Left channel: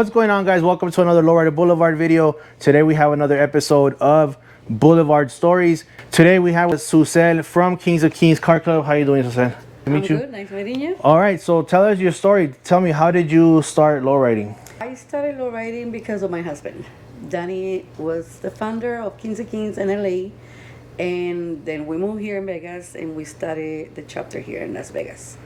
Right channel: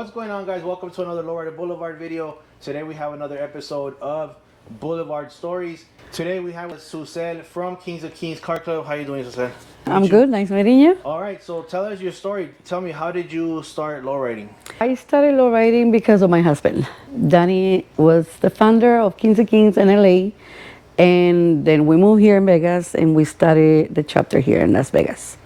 What's going on, guys? Welcome to another Lowrider Boulevard video. Today we have another episode of Boulevard Stories. Today we have with Sucel from Kings of Kings Car Club. How you doing, Sucel? I'm good. Nice meeting you. All right, so tell us your story. Tell me, how did you start lowriding? I started lowriding because of my husband. Danny was the founder of Kings of Kings in LA, and then we moved here in Vegas, and we started the chapter here in Las Vegas.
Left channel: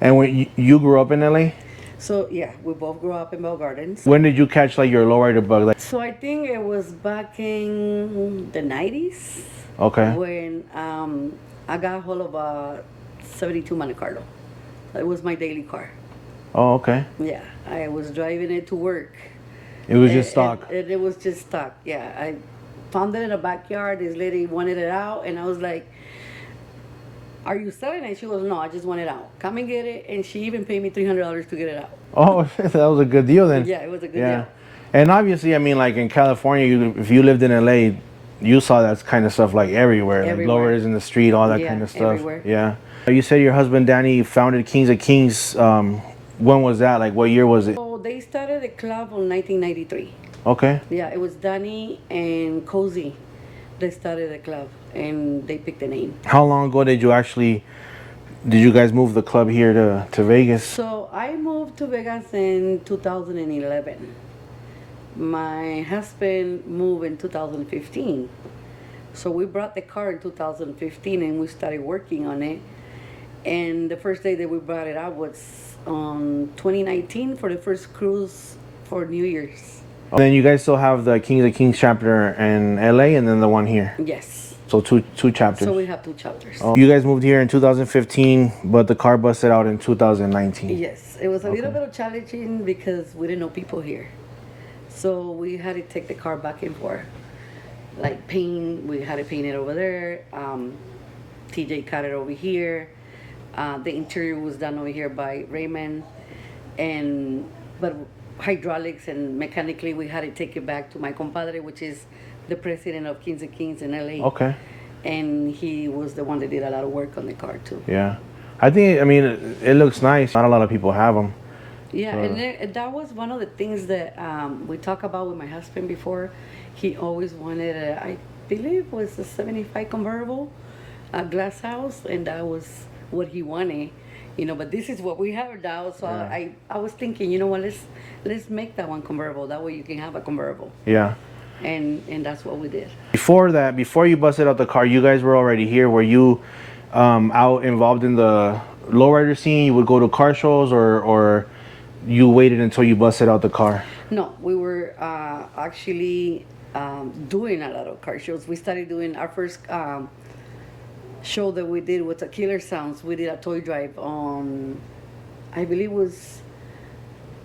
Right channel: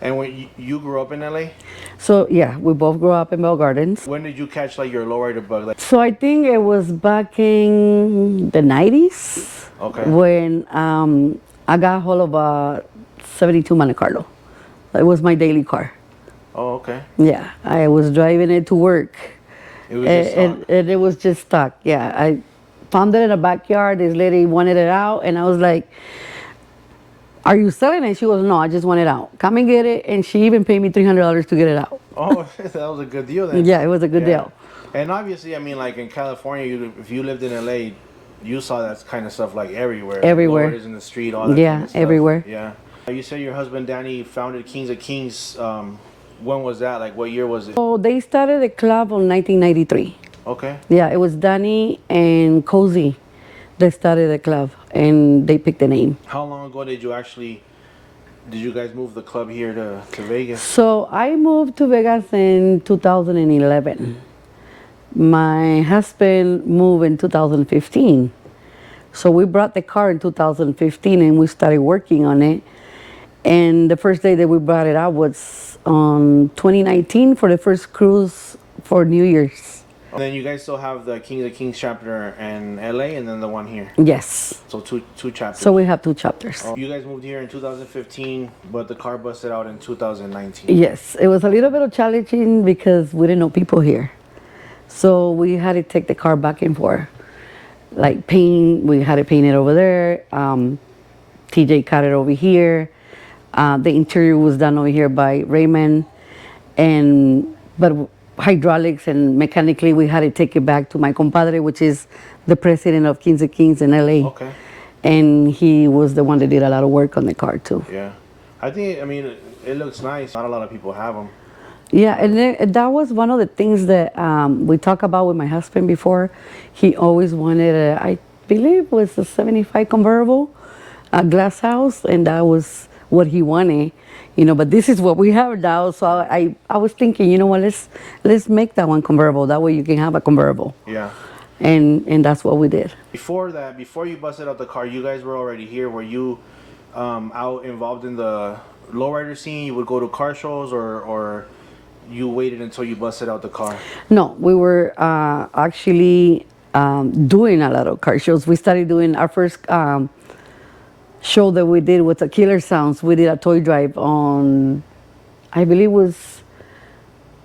And when you grew up in LA? So yeah, we both grew up in Bell Gardens. When did you catch like your lowrider bug? So I think it was back in the 90s. Okay. When I got hold of a 72 Monte Carlo. It was my daily car. Oh, okay. Yeah, I was driving it to work. It was just stock. And it was just stuck. Yeah, I found it in the backyard. This lady wanted it out, and I was like, "Are you selling it?" She goes, "No, I just want it out. Come and get it." And she even paid me $300 to get it out. Oh, that was a good deal then. Yeah, it was a good deal. And obviously, I mean, like in California, if you lived in LA, you saw that kind of stuff like everywhere. Everywhere. Like lowriders in the street, all that kind of stuff. Everywhere. Yeah. You said your husband Danny founded Kings of Kings. When was that? Like, what year was it? So they started the club in 1993. Okay. Yeah, it was Danny and Cozy that started the club, and they picked the name. How long ago did you guys move the club here to Vegas? So I moved to Vegas in 2011. My husband moved in 2015. So we brought the car in 2015 and we started working on it. And the first day that we brought it out was on 2019 for the first cruise for New Year's. And then you guys still have the Kings of Kings chapter in LA and then the one here. Yes. So two chapters. So we have two chapters. Oh. You guys moved here in 2015, but the car busted out in 2019. Yes, it was a little bit of challenging because we didn't know people here. So we had to take the car back and forth. Like paint, we had to paint it over there. TJ cut it over here. The interior was done over here by Raymond. But hydraulics and mechanically, we had to take it back to my compadre, which is the president of Kings of Kings in LA. Okay. And he was the one that did a lot of work on the car too. Yeah. I mean, it looks nice. Not a lot of people have them. Yeah, and that was one of the things that we talked about with my husband before. He always wanted I believe it was a 75 convertible, a glass house, and that was what he wanted. You know, but this is what we have now. So I was thinking, you know what, let's make that one convertible. That way you can have a convertible. Yeah. And that's what we did. Before that, before you busted out the car, you guys were already here. Were you out involved in the lowrider scene? You would go to car shows, or you waited until you busted out the car? No, we were actually doing a lot of car shows. We started doing our first show that we did with the Killer Sounds. We did a toy drive on, I believe it was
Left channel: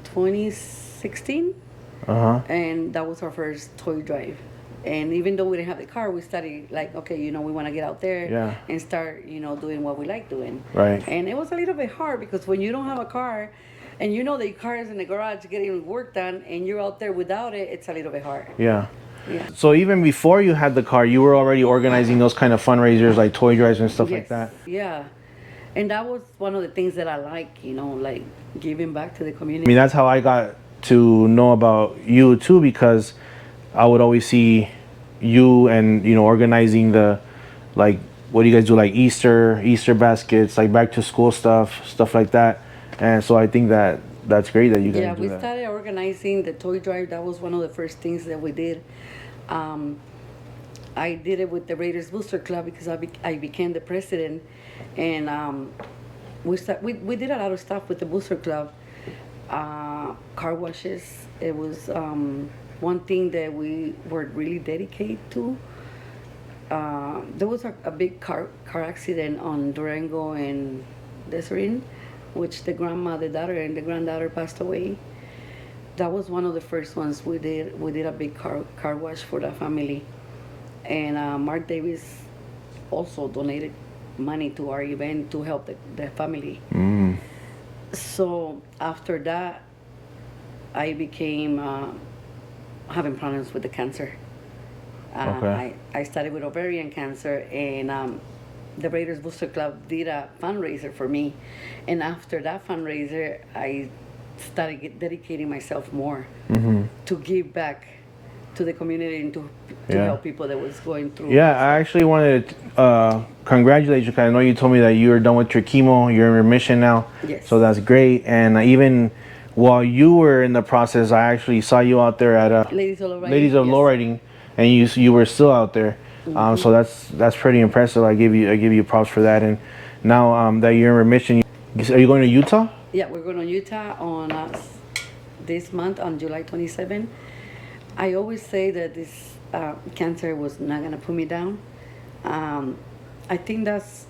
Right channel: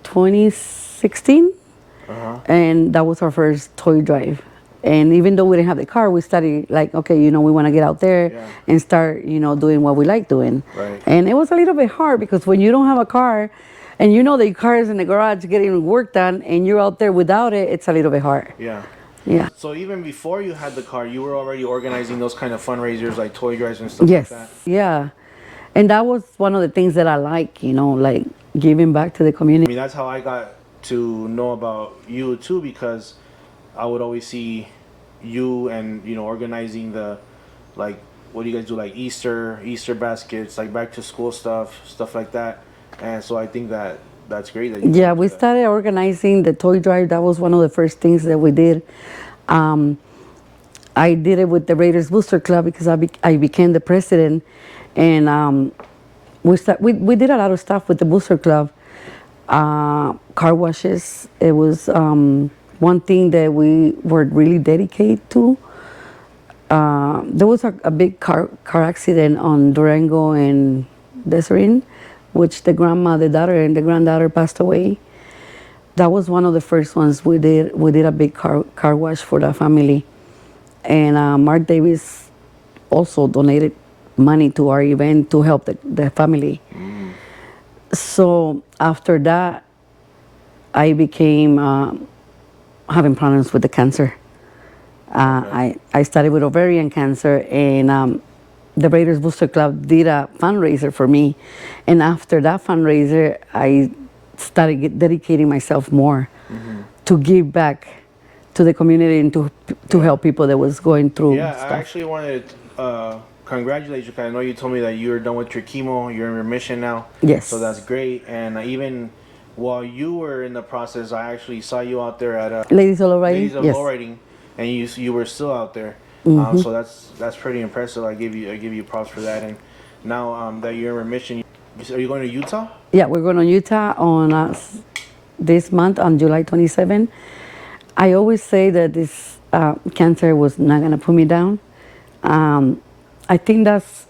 2016. And that was our first toy drive. And even though we didn't have the car, we started like, okay, you know, we want to get out there and start, you know, doing what we like doing. Right. And it was a little bit hard because when you don't have a car and you know the car is in the garage getting work done and you're out there without it, it's a little bit hard. Yeah. Yeah. So even before you had the car, you were already organizing those kind of fundraisers like toy drives and stuff like that? Yeah. And that was one of the things that I like, you know, like giving back to the community. I mean, that's how I got to know about you too, because I would always see you and, you know, organizing the, like, what do you guys do, like Easter baskets, like back to school stuff like that. And so I think that's great that you guys do that. Started organizing the toy drive. That was one of the first things that we did. I did it with the Raiders Booster Club because I became the president, and we did a lot of stuff with the Booster Club. Car washes. It was one thing that we were really dedicated to. There was a big car accident on Durango and Desiree, which the grandma, the daughter, and the granddaughter passed away. That was one of the first ones we did. We did a big car wash for the family. And Mark Davis also donated money to our event to help the family. So after that, I became having problems with the cancer. I started with ovarian cancer, and the Raiders Booster Club did a fundraiser for me. And after that fundraiser, I started dedicating myself more to give back to the community and to help people that was going through. Yeah, stuff. I actually wanted to congratulate you, because I know you told me that you were done with your chemo, you're in remission now. Yes. So that's great. And even while you were in the process, I actually saw you out there at Ladies of Lowrider. Ladies of Yes. Lowrider, and you were still out there. So that's pretty impressive. I give you props for that. And now that you're in remission, are you going to Utah? Yeah, we're going to Utah on this month on July 27. I always say that this cancer was not going to put me down. I think that's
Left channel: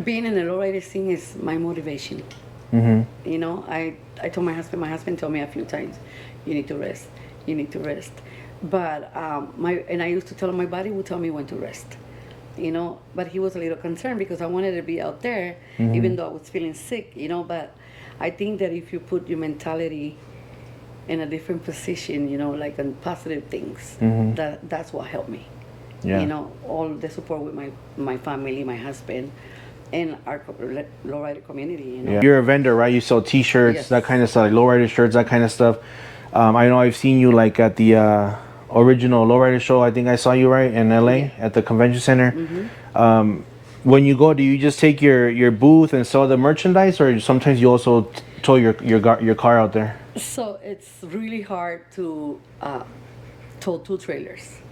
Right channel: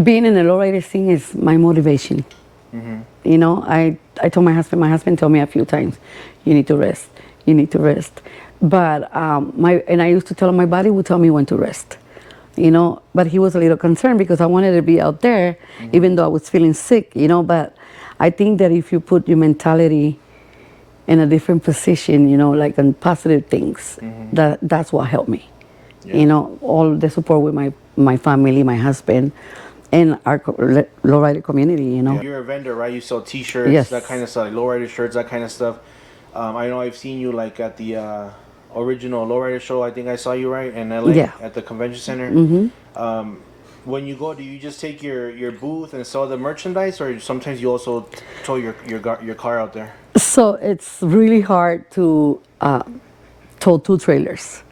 being in the lowrider scene is my motivation. You know, I told my husband told me a few times, you need to rest, you need to rest. But I used to tell him my body would tell me when to rest. You know, but he was a little concerned because I wanted to be out there, even though I was feeling sick, you know. But I think that if you put your mentality in a different position, you know, like on positive things, that's what helped me. Yeah. You know, all the support with my family, my husband, and our lowrider community, you know. Yeah. You're a vendor, right? You sell T-shirts, Yes. that kind of stuff, like lowrider shirts, that kind of stuff. I know I've seen you like at the original lowrider show. I think I saw you right in LA Yeah. at the convention center. When you go, do you just take your booth and sell the merchandise, or sometimes you also tow your car out there? So it's really hard to tow 2 trailers.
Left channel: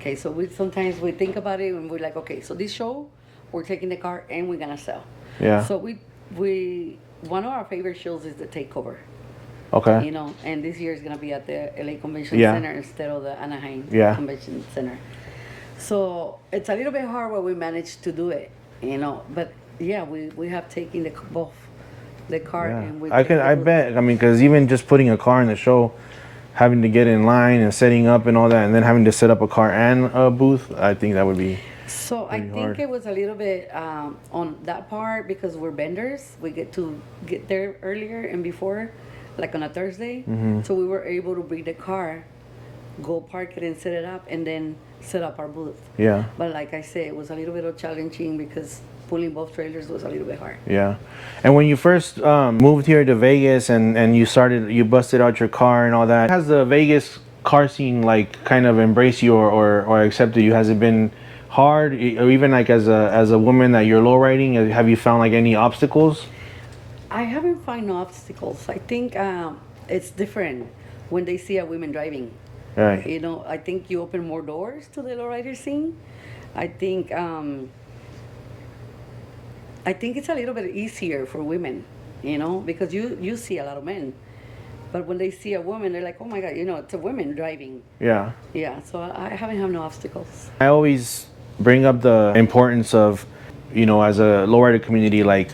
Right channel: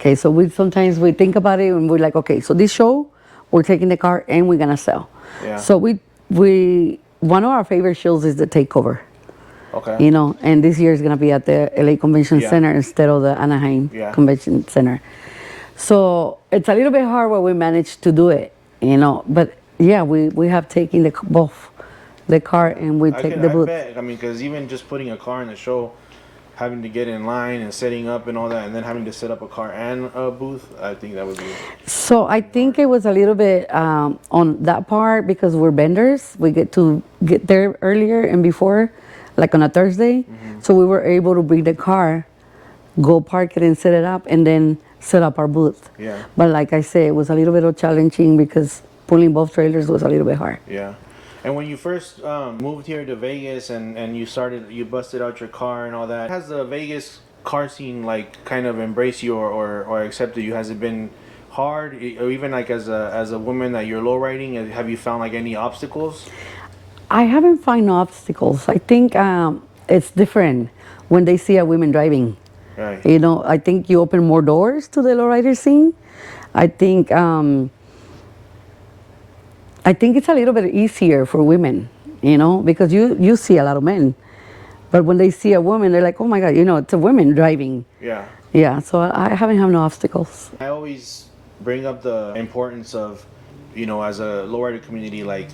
Okay, so sometimes we think about it and we're like, okay, so this show, we're taking the car and we're gonna sell. Yeah. So we one of our favorite shows is the Takeover. Okay. You know, and this year is gonna be at the LA Convention Yeah. Center instead of the Anaheim Convention Center. So it's a little bit hard where we managed to do it, you know. But yeah, we have taken both the car and we take the I booth. bet. I mean, because even just putting a car in the show, having to get in line and setting up and all that, and then having to set up a car and a booth, I think that would be. So I think hard. it was a little bit on that part because we're vendors. We get to get there earlier and before, like on a Thursday. So we were able to bring the car, go park it and set it up, and then set up our booth. Yeah. But like I say, it was a little bit challenging because pulling both trailers was a little bit hard. Yeah. And when you first moved here to Vegas and you busted out your car and all that, has the Vegas car scene like kind of embraced you or accepted you? Has it been hard, or even like as a woman that you're low riding, have you found like any obstacles? I haven't found no obstacles. I think it's different when they see a woman driving. Right. You know, I think you open more doors to the lowrider scene. I think it's a little bit easier for women, you know, because you see a lot of men, but when they see a woman, they're like, oh my God, you know, it's a woman driving. Yeah. Yeah, so I haven't had no obstacles. I always bring up the importance of, you know, as a lowrider community, like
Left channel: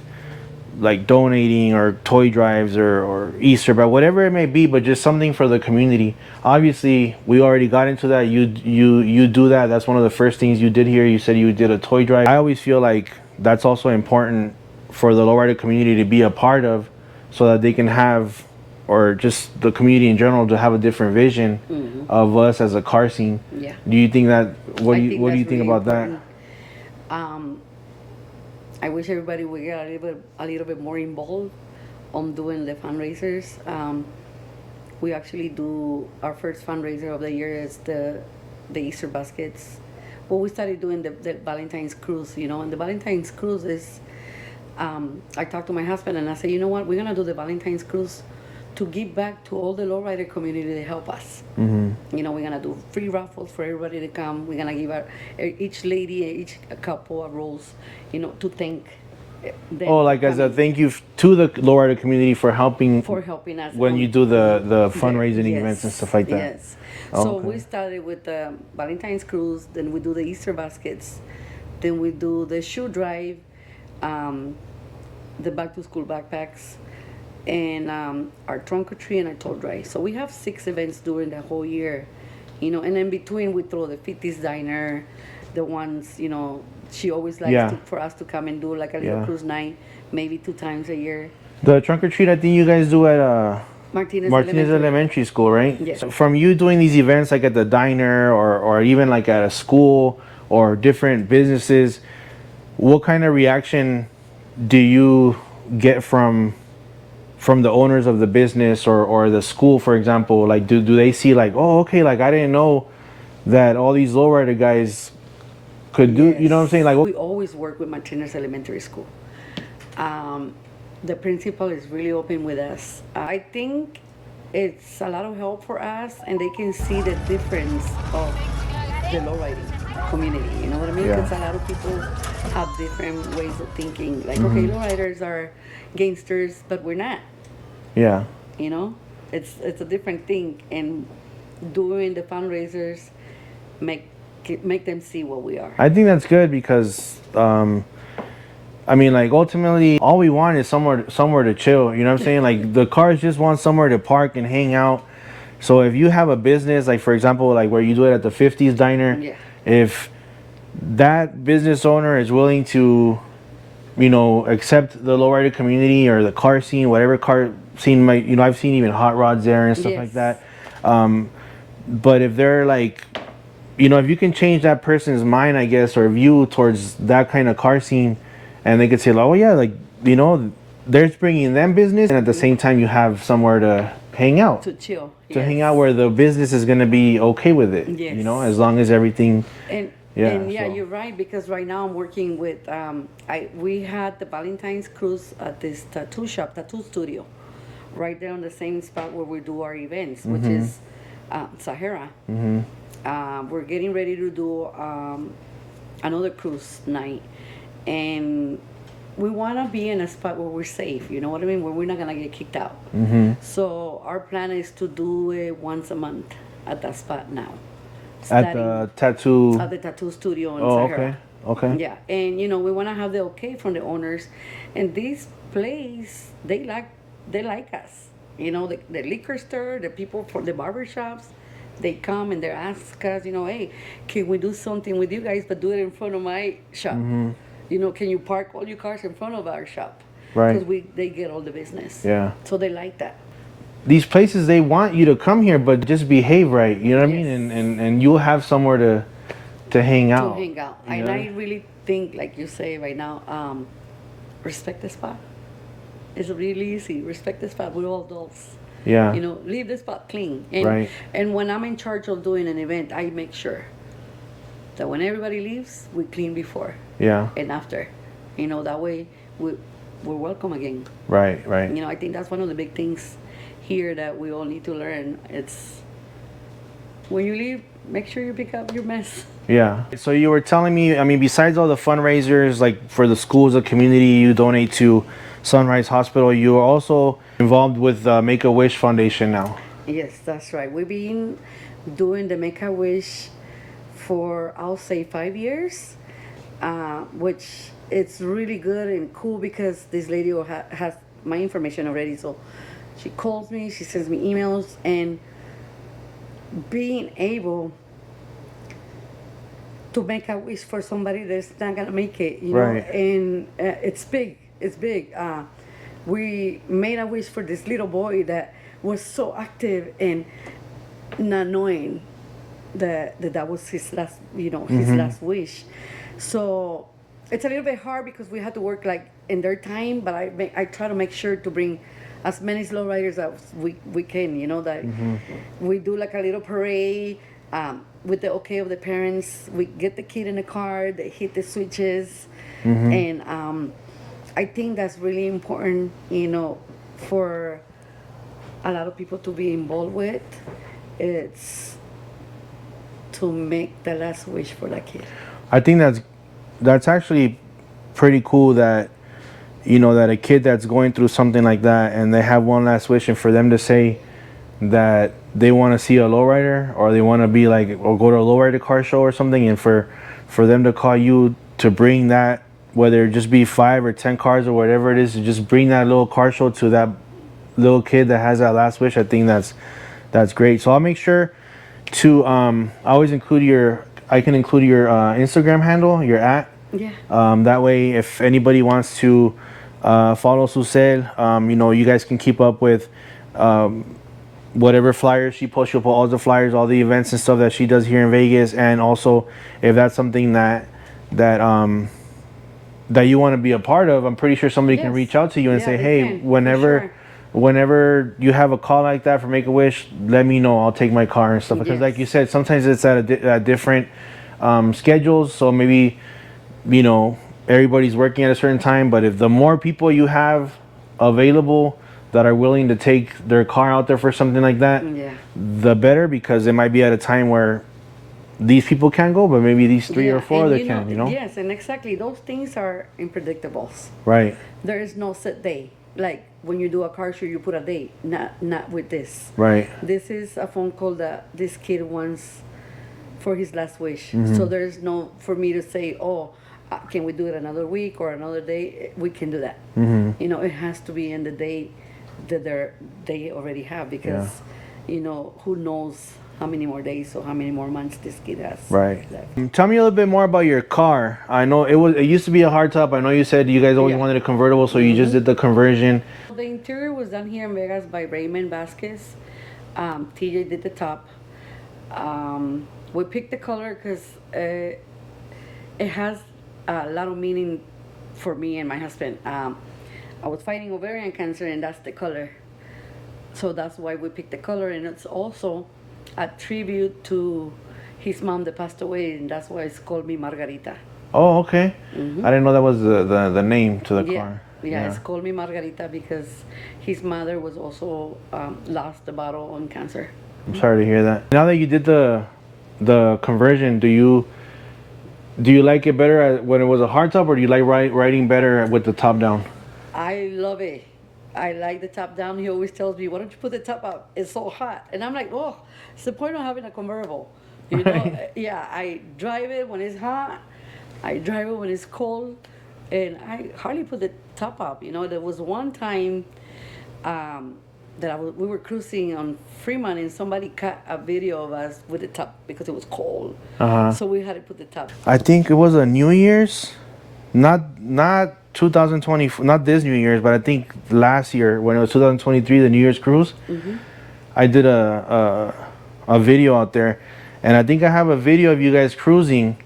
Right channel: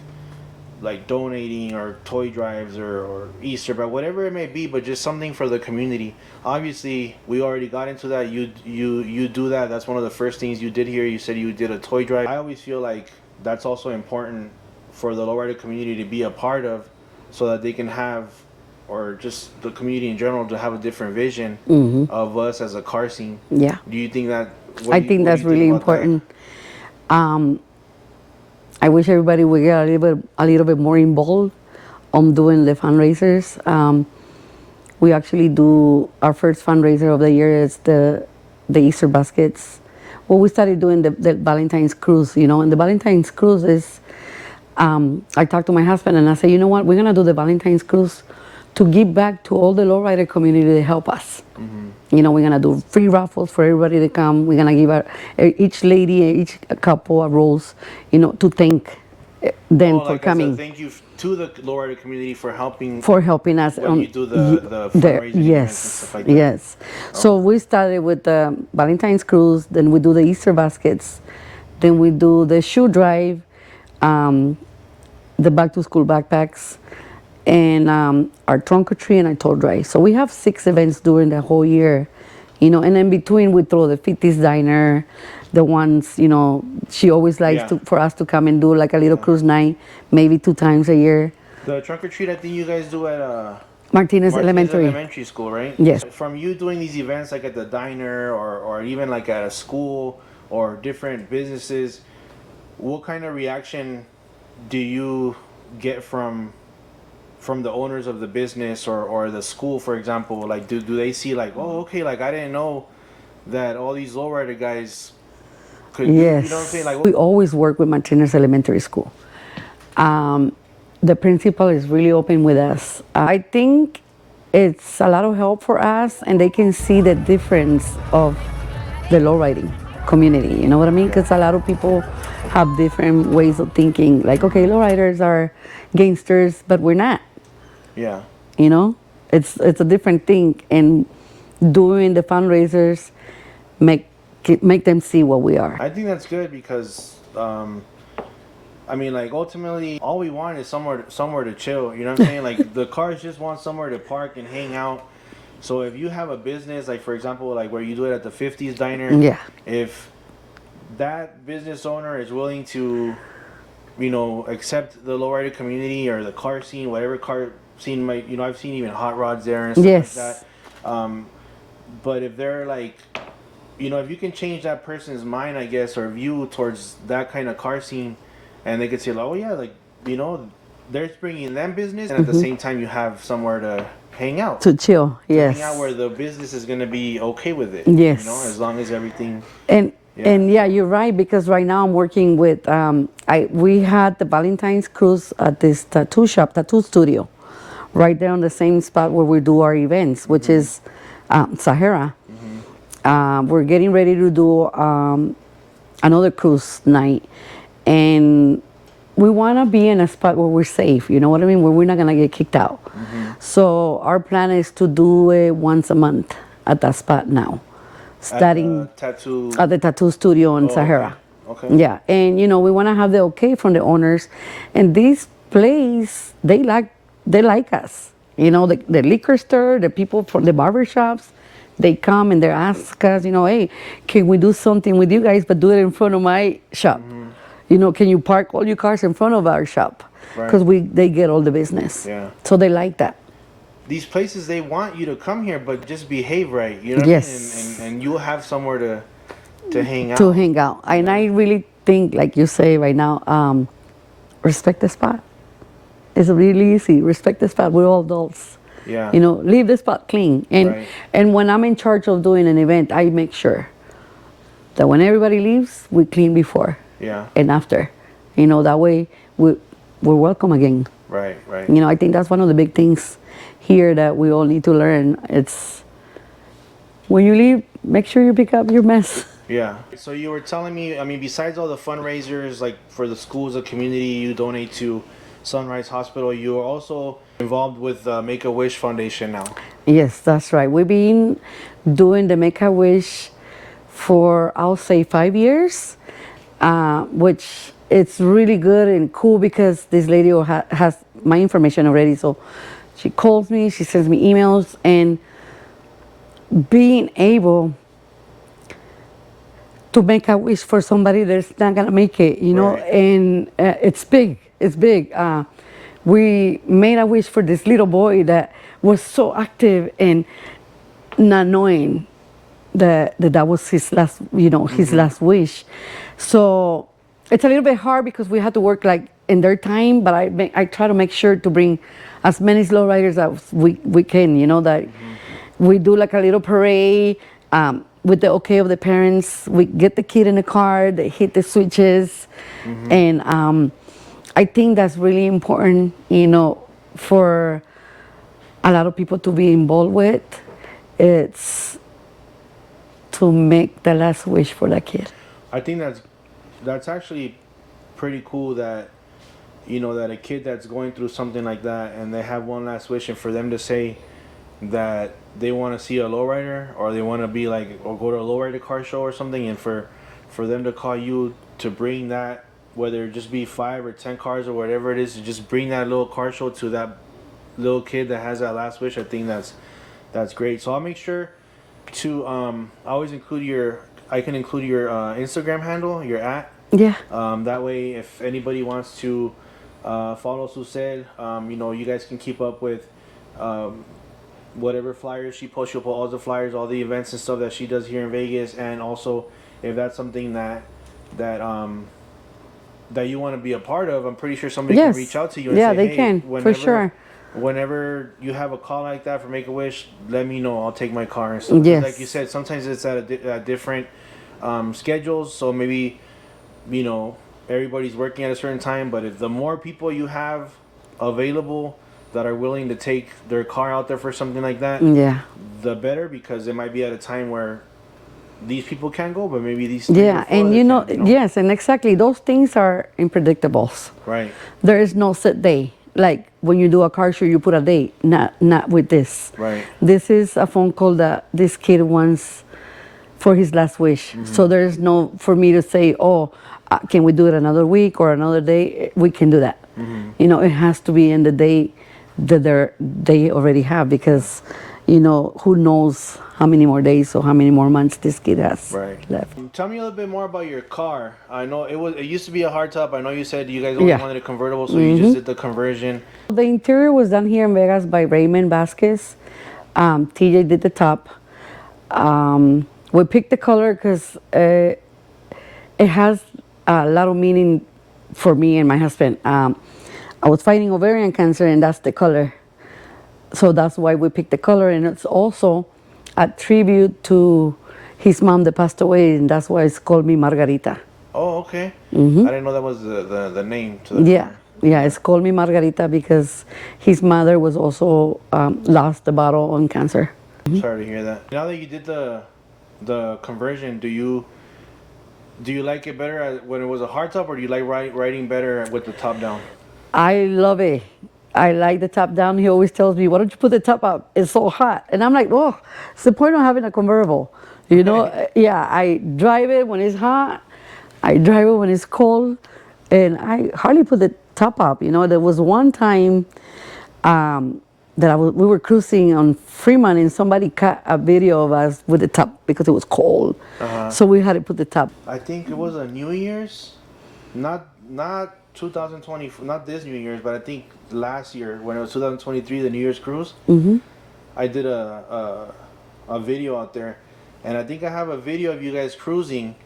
donating or toy drives or Easter, but whatever it may be, but just something for the community. Obviously, we already got into that. You do that. That's one of the first things you did here. You said you did a toy drive. I always feel like that's also important for the lowrider community to be a part of, so that they can have, or just the community in general, to have a different vision of us as a car scene. Yeah. Do you think that? I think that's really important. I wish everybody would get a little bit more involved on doing the fundraisers. We actually do our first fundraiser of the year is the Easter baskets. Well, we started doing the Valentine's cruise, you know, and the Valentine's cruise is. I talked to my husband and I said, you know what, we're gonna do the Valentine's cruise to give back to all the lowrider community to help us. You know, we're gonna do free raffles for everybody to come. We're gonna give each lady, each couple a rose, you know, to thank them for like coming. as a thank you to the lowrider community for helping us when you do the fundraising events and stuff like that. Yes. So we started with the Valentine's cruise, then we do the Easter baskets, then we do the shoe drive, the back to school backpacks, and our trunk or treat and our toy drive. So we have 6 events during the whole year, you know, and in between we throw the 50s diner, the ones, you know, she always likes for us to come and do like a little cruise night, maybe 2 times a year. The trunk or treat, I think you guys do at Martinez Elementary School, right? Yes. From you doing these events like at the diner or even like at a school or different businesses, what kind of reaction do you get from from the owners of the business or the school, for example, like do they see like, oh, okay, like I didn't know that all these lowrider guys could do, you know what I'm saying? Like, We always work with Martinez Elementary School. The principal is really open with us. I think it's a lot of help for us, and they can see the difference of the lowriding community. You know what I mean? Yeah. Because a lot of people have different ways of thinking. Like, okay, lowriders are gangsters, but we're not. yeah. You know, it's a different thing, and doing the fundraisers make them see what we are. I think that's good because, I mean, like ultimately, all we want is somewhere to chill. You know what I'm saying? Like the cars just want somewhere to park and hang out. So if you have a business, like for example, like where you do it at the 50s diner, Yeah. if that business owner is willing to, you know, accept the lowrider community or the car scene, whatever car scene might, you know, I've seen even hot rods there and stuff like Yes. that. But if they're like, you know, if you can change that person's mind, I guess, or view towards that kind of car scene, and they could say, like, oh yeah, like, you know, they're bringing them business, and at the same time you have somewhere to hang out. To chill, To yes. hang out where the business is going to be okay with it. Yes. You know, as long as everything. And Yeah, so- you're right, because right now I'm working with we had the Valentine's cruise at this tattoo shop, tattoo studio, right there on the same spot where we do our events, which is Sahara. We're getting ready to do another cruise night, and we want to be in a spot where we're safe, you know what I mean, where we're not going to get kicked out. So our plan is to do it once a month at that spot now, starting at the tattoo studio in Sahara. Okay. Yeah, and you know, we want to have the okay from the owners, and this place, they like us. You know, the liquor store, the people from the barber shops, they come and they ask us, you know, hey, can we do something with you guys, but do it in front of my shop? You know, can you park all your cars in front of our shop? Right. Because they get all the business. Yeah. So they like that. These places, they want you to come here, but just behave right. You know what Yes. I mean? And you'll have somewhere to hang out. To hang out. And Yeah. I really think, like you say right now, respect the spot. It's really easy. Respect the spot. We're all adults. Yeah. You know, leave the spot clean. And Right. and when I'm in charge of doing an event, I make sure that when everybody leaves, we clean before Yeah. and after. You know, that way we're welcome again. Right. Right. You know, I think that's one of the big things here that we all need to learn. It's when you leave, make sure you pick up your mess. Yeah. So you were telling me, I mean, besides all the fundraisers, like for the schools, the community, you donate to Sunrise Hospital, you are also involved with Make-A-Wish Foundation now. Yes, that's right. We've been doing the Make-A-Wish for, I'll say, 5 years, which it's really good and cool because this lady has my information already. So she calls me, she sends me emails, and being able to make a wish for somebody that's not gonna make it, you know, Right. and it's big. It's big. We made a wish for this little boy that was so active and not knowing that was his last, you know, his last wish. So it's a little bit hard because we had to work like in their time, but I try to make sure to bring as many slow riders as we can, you know, that we do like a little parade with the okay of the parents. We get the kid in the car, they hit the switches, and I think that's really important, you know, for a lot of people to be involved with. It's to make the last wish for that kid. I think that's actually pretty cool that, you know, that a kid that's going through something like that and they have one last wish, and for them to say that they want to see a lowrider or they want to be like, or go to a lowrider car show or something, and for them to call you to bring that, whether it just be 5 or 10 cars or whatever it is, to just bring that little car show to that little kid that has that last wish. I think that's great. So I'll make sure to I always include I can include your Instagram handle, your @ Yeah. that way if anybody wants to follow Sucel, you know, you guys can keep up with whatever flyers she posts. She'll put all the flyers, all the events and stuff that she does here in Vegas. And also if that's something that you want to be a part of, I'm pretty sure somebody can Yes. reach out to you and Yeah, say, they hey, can, for whenever sure. whenever you have a call like that for Make-A-Wish, let me know. I'll take my car and stuff. Because Yes. like you said, sometimes it's at different schedules. So maybe, everybody's working at a certain time. But if the more people you have available that are willing to take their car out there for something like that, Yeah. the better, because it might be at a time where these people can't go, but maybe these three or four and other can, yes, and exactly, those things are unpredictables. Right. There is no set day. Like when you do a car show, you put a date. Not with this. Right. This is a phone call that this kid wants for his last wish. So there's no for me to say, oh, can we do it another week or another day? We can do that. It has to be in the day that they already have, because who knows how many more days or how many more months this kid has left. Tell me a little bit more about your car. I know it used to be a hardtop. I know you said you guys always wanted a convertible, so you just did the conversion. The interior was done here in Vegas by Raymond Vasquez. TJ did the top. We picked the color because it has a lot of meaning for me and my husband. I was fighting ovarian cancer, and that's the color. So that's why we picked the color, and it's also a tribute to his mom that passed away, and that's why it's called me Margarita. Oh, okay. I didn't know that was the name to the car. Yeah, it's called me Margarita because his mother was also lost the battle on cancer. I'm sorry to hear that. Now that you did the conversion, do you like it better when it was a hardtop, or do you like riding better with the top down? I love it. I like the top down. He always tells me, why don't you put the top up? It's so hot. And I'm like, oh, it's the point of having a convertible. Yeah, I drive it when it's hot. I drive it when it's cold. And I hardly put the top up. There was one time that we were cruising on Fremont, and somebody cut a video of us with the top because it was cold. So we had to put the top. I think it was a New Year's, not 2020, not this New Year's, but I think last year when it was 2023, the New Year's cruise. I did a video out there, and I think I have a video of you guys cruising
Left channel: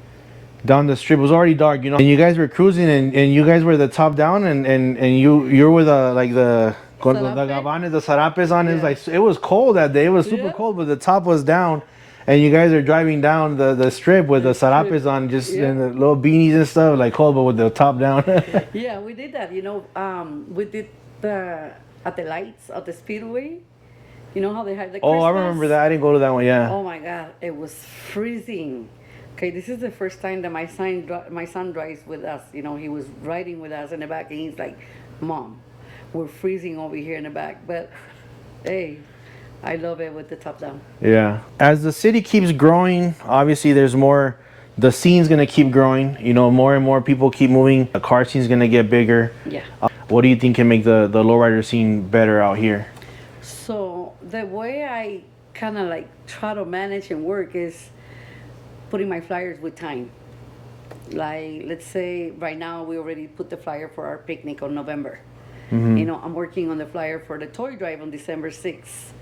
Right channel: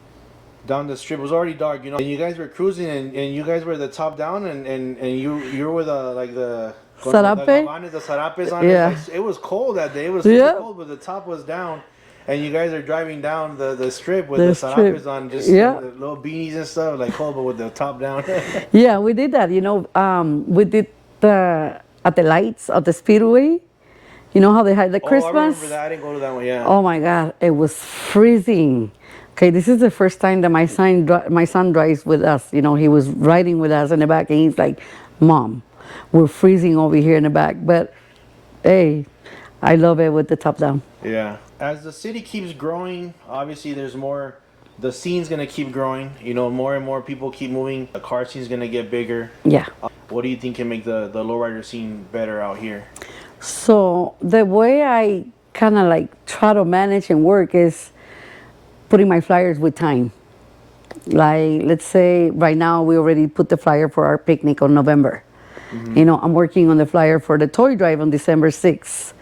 down the strip. It was already dark, and you guys were cruising, and you guys were the top down, and you're with the sarapes on it. Like, it was cold that day. It was super cold, but the top was down. And you guys are driving down the strip with the sarapes on, just in the little beanies and stuff, like cold, but with the top down. Yeah, we did that. We did at the lights of the Speedway. You know how they had the Christmas? Oh, I remember that. I didn't go to that one, yeah. Oh my God, it was freezing. Okay, this is the first time that my son drives with us. He was riding with us in the back, and he's like, Mom, we're freezing over here in the back. But hey, I love it with the top down. Yeah. As the city keeps growing, obviously there's more, the scene's going to keep growing. More and more people keep moving. The car scene's going to get bigger. Yeah. What do you think can make the lowrider scene better out here? So the way I kind of like try to manage and work is putting my flyers with time. Like, let's say right now we already put the flyer for our picnic on November. I'm working on the flyer for the toy drive on December 6th.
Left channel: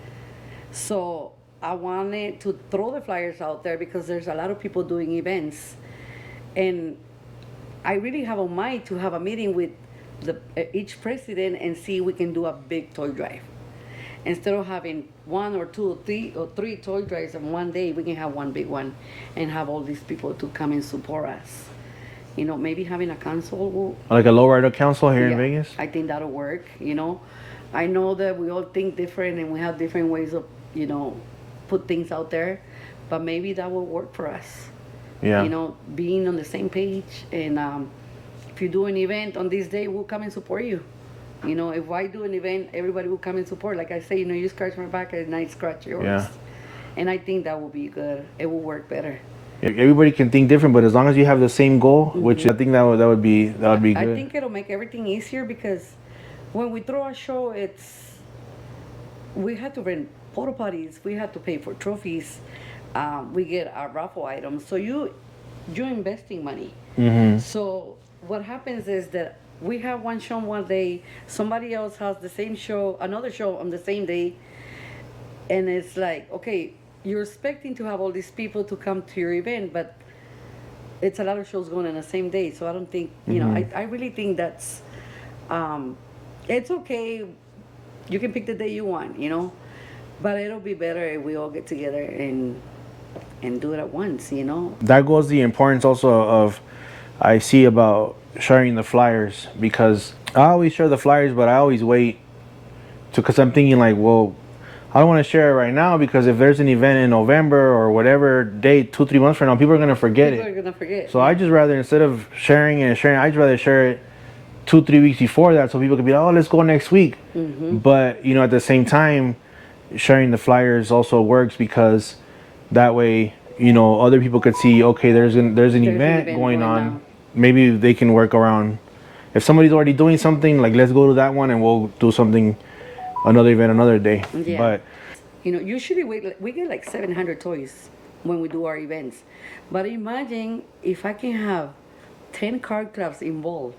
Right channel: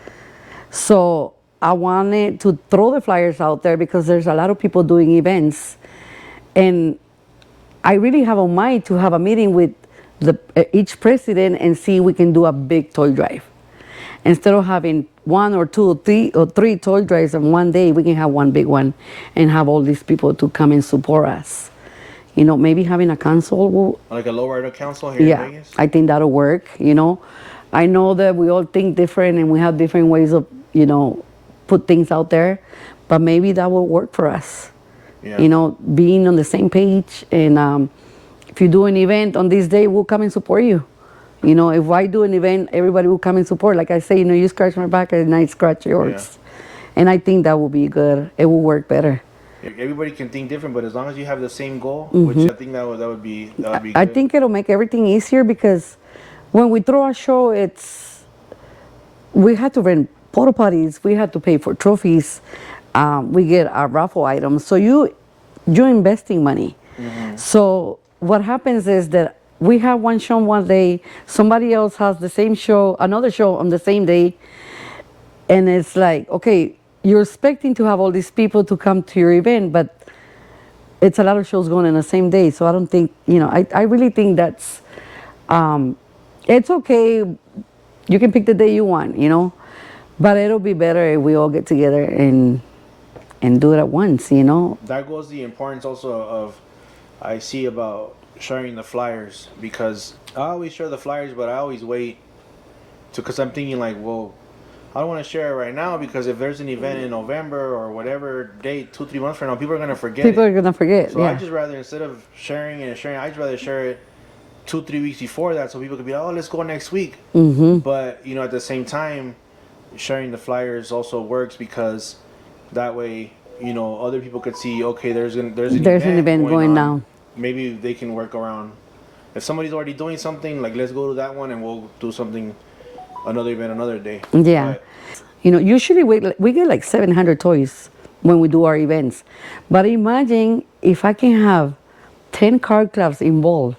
So I wanted to throw the flyers out there because there's a lot of people doing events. And I really have on mind to have a meeting with each president and see if we can do a big toy drive. Instead of having one or two or three toy drives in one day, we can have one big one and have all these people to come and support us. Maybe having a council. Like a lowrider council here in Vegas? I think that'll work. I know that we all think different and we have different ways of, put things out there, but maybe that will work for us. Yeah. Being on the same page, and if you do an event on this day, we'll come and support you. If I do an event, everybody will come and support. Like I say, you scratch my back and I scratch yours. Yeah. And I think that will be good. It will work better. Everybody can think different, but as long as you have the same goal, which I think that would be good. I think it'll make everything easier because when we throw a show, we had to rent porta potties, we had to pay for trophies, we get our raffle items. So you're investing money. So what happens is that we have one show one day, somebody else has the same show, another show on the same day, and it's like, okay, you're expecting to have all these people to come to your event, but it's a lot of shows going on the same day. So I don't think, I really think that's, it's okay You can pick the day you want, you know. But it'll be better if we all get together and do it at once, you know. That goes the importance also of, I see about sharing the flyers, because I always share the flyers, but I always wait to, because I'm thinking like, well, I don't want to share it right now, because if there's an event in November or whatever date, 2-3 months from now, people are gonna forget People it. are gonna forget. So I just rather, instead of sharing and sharing, I just rather share it 2-3 weeks before that, so people can be like, oh, let's go next week. But you know, at the same time, sharing the flyers also works, because that way, you know, other people could see, okay, there's an event going on. now. Maybe they can work around. If somebody's already doing something, like, let's go to that one and we'll do something, another event another day. Yeah. But You know, usually we get like 700 toys when we do our events. But imagine if I can have 10 card clubs involved,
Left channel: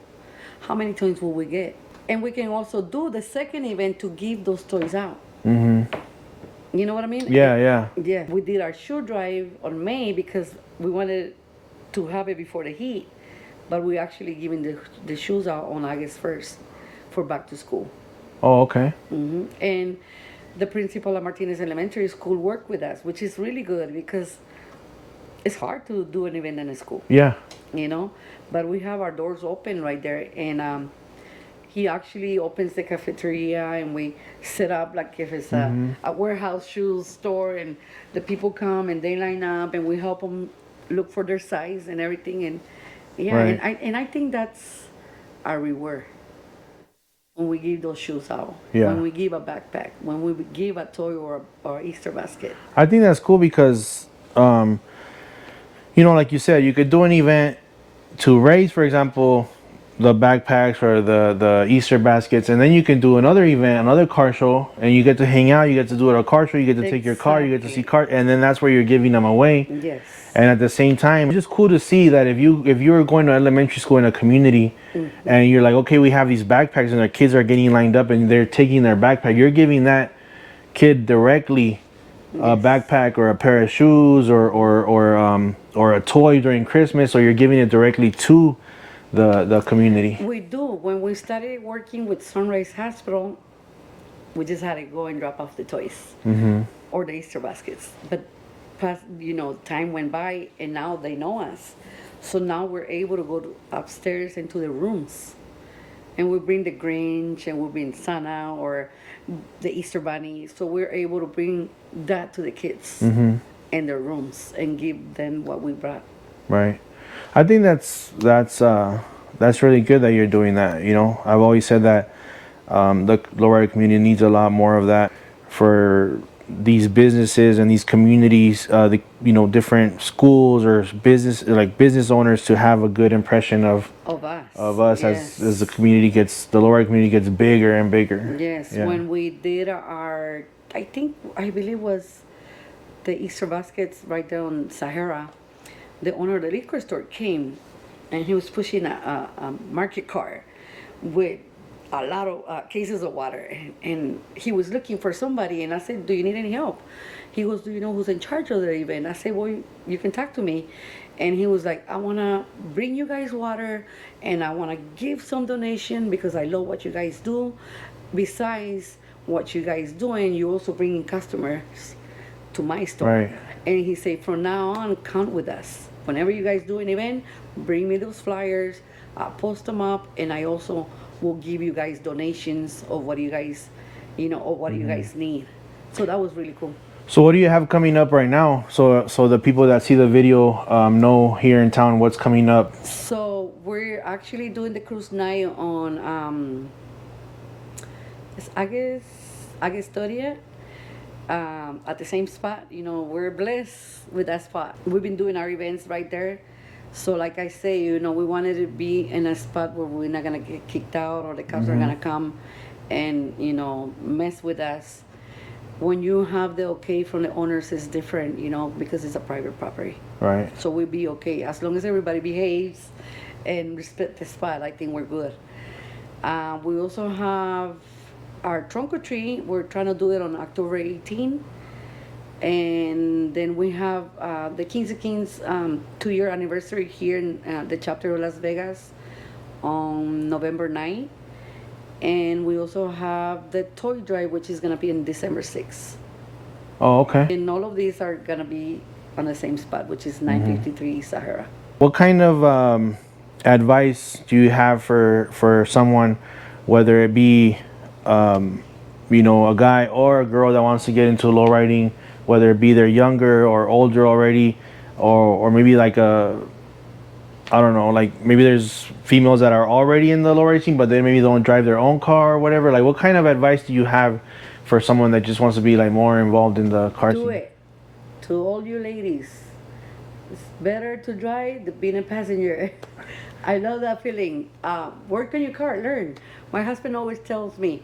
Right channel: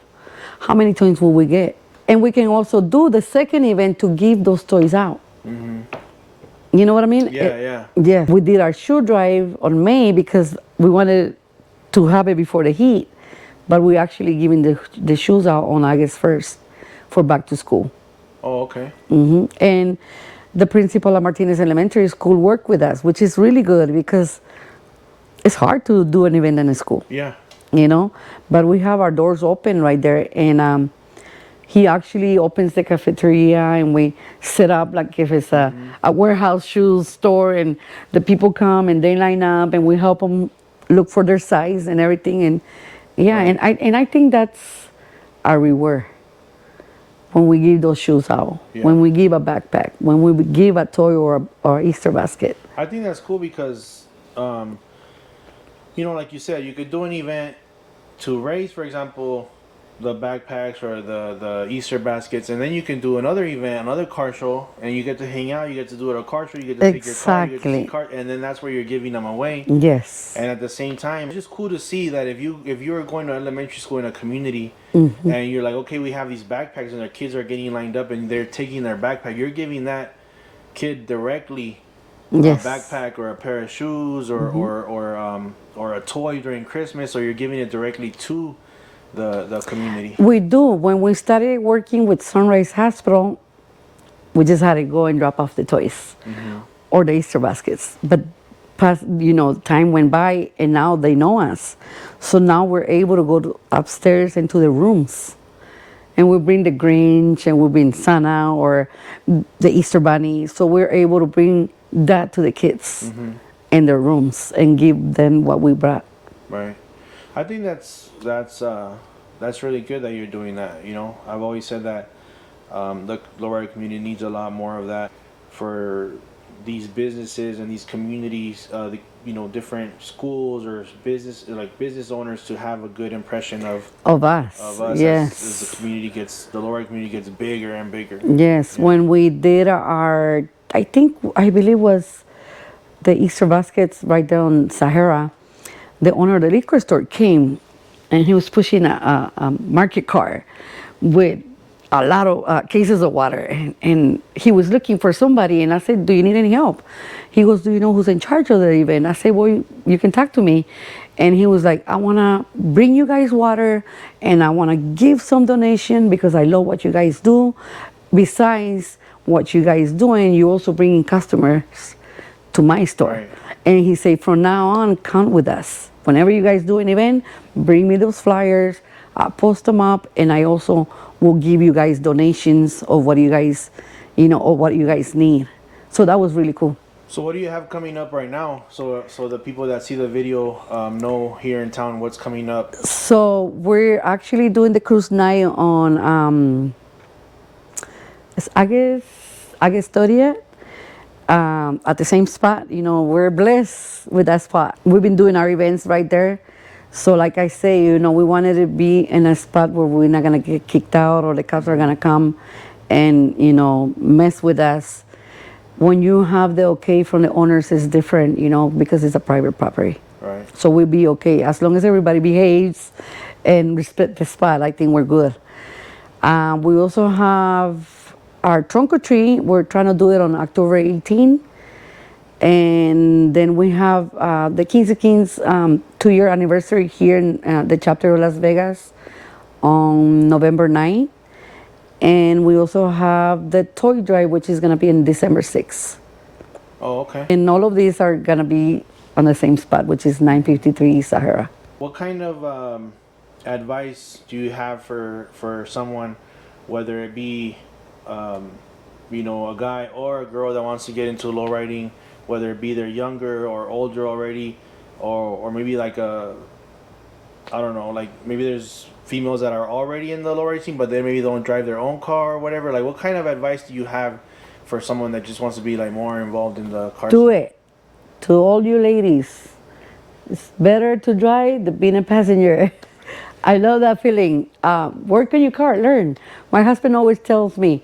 how many toys will we get? And we can also do the second event to give those toys out. You know what I mean? yeah. Yeah. We did our shoe drive on May because we wanted to have it before the heat. But we're actually giving the shoes out on August 1st for back to school. Oh, okay. And the principal at Martinez Elementary School worked with us, which is really good because it's hard to do an event in a school. Yeah. You know, but we have our doors open right there, and he actually opens the cafeteria, and we set up like if it's a warehouse shoes store, and the people come and they line up, and we help them look for their size and everything, and yeah, Right. and I think that's our reward when we give those shoes out, Yeah. when we give a backpack, when we give a toy or Easter basket. I think that's cool because, you know, like you said, you could do an event to raise, for example, the backpacks or the Easter baskets, and then you can do another event, another car show, and you get to hang out, you get to do it at a car show, you get to take your car, you get to see Exactly. car, and then that's where you're giving them away. Yes. And at the same time, it's just cool to see that if you're going to elementary school in a community, and you're like, okay, we have these backpacks, and their kids are getting lined up, and they're taking their backpack, you're giving that kid directly Yes. a backpack or a pair of shoes or a toy during Christmas, or you're giving it directly to the community. We do. When we started working with Sunrise Hospital, we just had to go and drop off the toys or the Easter baskets. But time went by, and now they know us. So now we're able to go upstairs into the rooms, and we bring the Grinch, and we bring Santa or the Easter Bunny. So we're able to bring that to the kids in their rooms and give them what we brought. Right. I think that's really good that you're doing that. You know, I've always said that the Lowrider community needs a lot more of that for these businesses and these communities, different schools or business owners to have a good impression of us Yes. as the Lowrider community gets bigger and bigger. Yes, Yeah. when we did I believe was the Easter baskets right there on Sahara, the owner of the liquor store came, and he was pushing a market car with a lot of cases of water, and he was looking for somebody, and I said, do you need any help? He goes, do you know who's in charge of the event? I said, well, you can talk to me. And he was like, I want to bring you guys water, and I want to give some donation because I love what you guys do. Besides what you guys doing, you also bringing customers to my store. Right. And he said, from now on, count with us. Whenever you guys do an event, bring me those flyers, I'll post them up, and I also will give you guys donations of what you guys, or what you guys need. So that was really cool. So what do you have coming up right now? So the people that see the video know here in town what's coming up. So we're actually doing the cruise night on it's August 30th. At the same spot. We're blessed with that spot. We've been doing our events right there. So like I say, we wanted to be in a spot where we're not gonna get kicked out or the cops are gonna come and, mess with us. When you have the okay from the owners, it's different, because it's a private property. Right. So we'll be okay. As long as everybody behaves and respect the spot, I think we're good. We also have our trunk or treat. We're trying to do it on October 18. And then we have the Kings of Kings 2-year anniversary here in the chapter of Las Vegas on November 9. And we also have the toy drive, which is going to be in December 6th. Oh, okay. And all of these are going to be on the same spot, which is 953 Sahara. What kind of advice do you have for someone, whether it be, a guy or a girl that wants to get into lowriding, whether it be they're younger or older already, or maybe like I don't know, like maybe there's females that are already in the lowriding scene, but they maybe don't drive their own car or whatever. Like, what kind of advice do you have for someone that just wants to be like more involved in the car scene? Do it. To all you ladies, it's better to drive than being a passenger. I love that feeling. Work on your car, learn. My husband always tells me,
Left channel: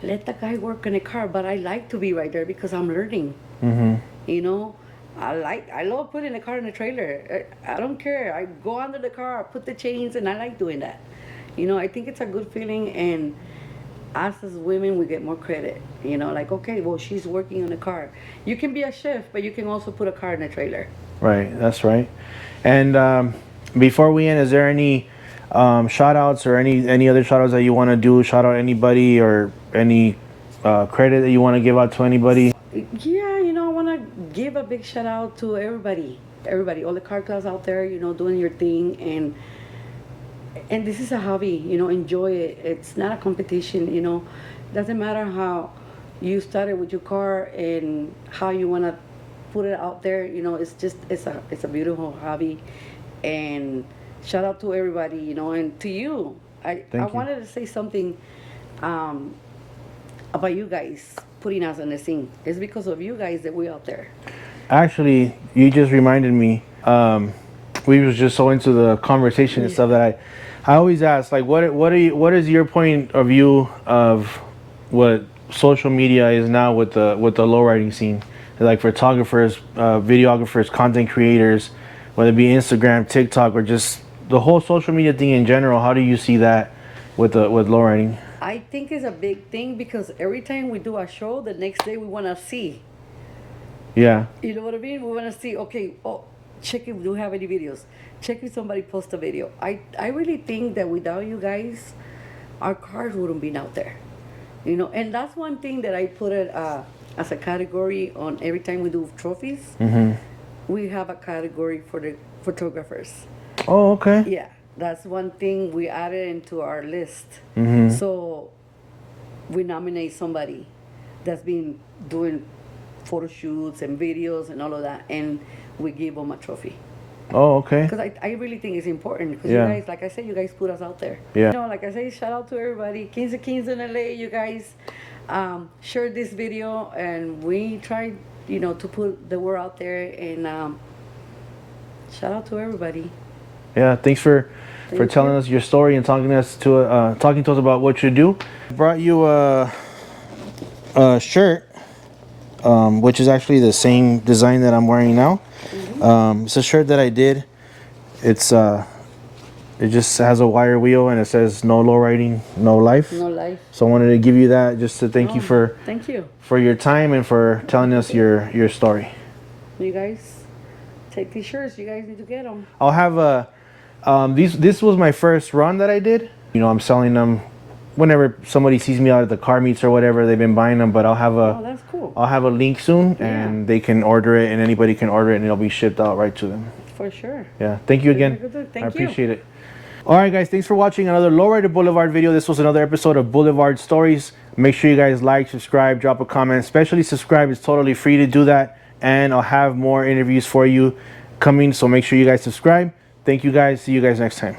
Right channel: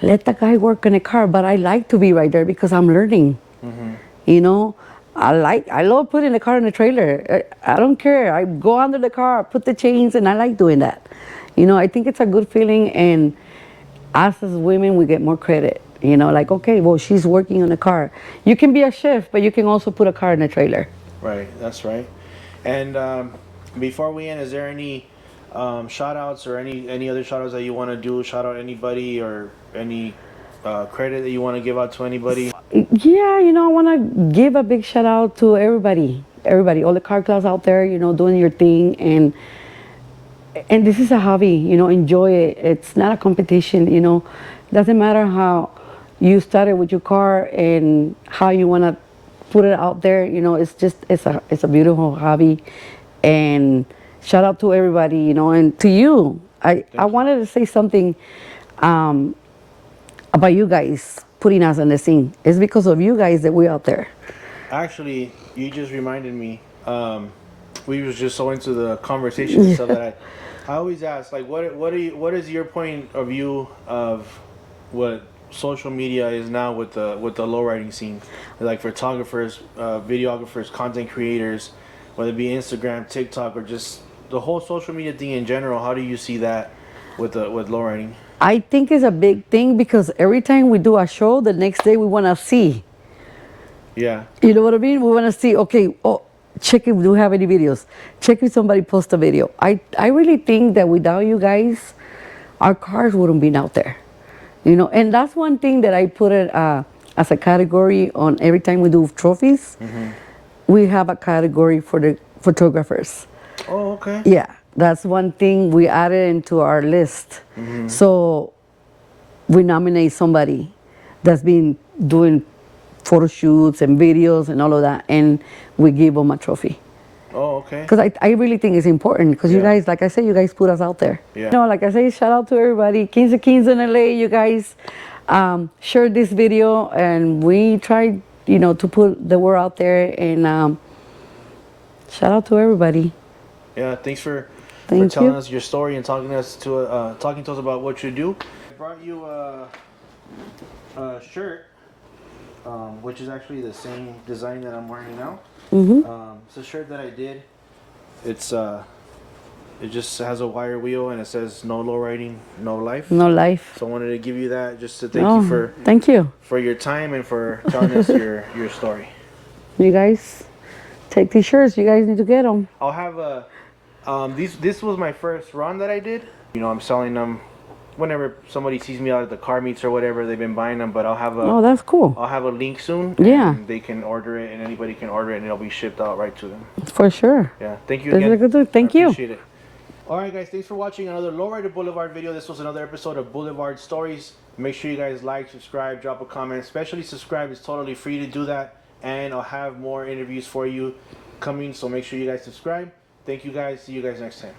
let the guy work on a car, but I like to be right there because I'm learning. You know, I love putting the car in the trailer. I don't care. I go under the car, put the chains, and I like doing that. You know, I think it's a good feeling, and us as women, we get more credit. You know, like, okay, well, she's working on a car. You can be a chef, but you can also put a car in a trailer. Right, that's right. And before we end, is there any shout outs or any other shout outs that you want to do? Shout out anybody or any credit that you want to give out to anybody? Yeah, you know, I want to give a big shout out to everybody, all the car clubs out there, you know, doing your thing. And this is a hobby, you know, enjoy it. It's not a competition, you know. Doesn't matter how you started with your car and how you want to put it out there, you know, it's a beautiful hobby. And shout out to everybody, you know, and to you. I wanted to say something about you guys putting us on the scene. It's because of you guys that we're out there. Actually, you just reminded me. We was just so into the conversation and stuff that I always ask, like, what is your point of view of what social media is now with the lowriding scene, like photographers, videographers, content creators, whether it be Instagram, TikTok, or just the whole social media thing in general? How do you see that with lowriding? I think it's a big thing because every time we do a show, the next day we want to see. Yeah. You know what I mean? We want to see, okay, oh, check if we do have any videos. Check if somebody posts a video. I really think that without you guys, our cars wouldn't be out there. You know, and that's one thing that I put it as a category on every time we do trophies. We have a category for the photographers. Oh, okay. Yeah, that's one thing we added into our list. So we nominate somebody that's been doing photo shoots and videos and all of that, and we give them a trophy. Oh, okay. Because I really think it's important because you guys, like I said, you guys put us out there. Yeah. You know, like I say, shout out to everybody. Kings of Kings in LA, you guys shared this video, and we tried, you know, to put the word out there, and shout out to everybody. Yeah, thanks for telling us your story and talking to us about what you do. I brought you a shirt, which is actually the same design that I'm wearing now. It's a shirt that I did. It's it just has a wire wheel and it says "No lowriding, no life." No life. So I wanted to give you that just to thank you for your time and for telling us your story. You guys take these shirts. You guys need to get them. I'll have this was my first run that I did. You know, I'm selling them whenever somebody sees me out at the car meets or whatever. They've been buying them, but I'll have Oh, that's cool. I'll have a link soon, and they can order it, and anybody can order it, and it'll be shipped out right to them. For sure. Yeah, thank you again. Thank you. I appreciate it. All right, guys, thanks for watching another Lowrider Boulevard video. This was another episode of Boulevard Stories. Make sure you guys like, subscribe, drop a comment. Especially subscribe. It's totally free to do that, and I'll have more interviews for you coming, so make sure you guys subscribe. Thank you guys. See you guys next time.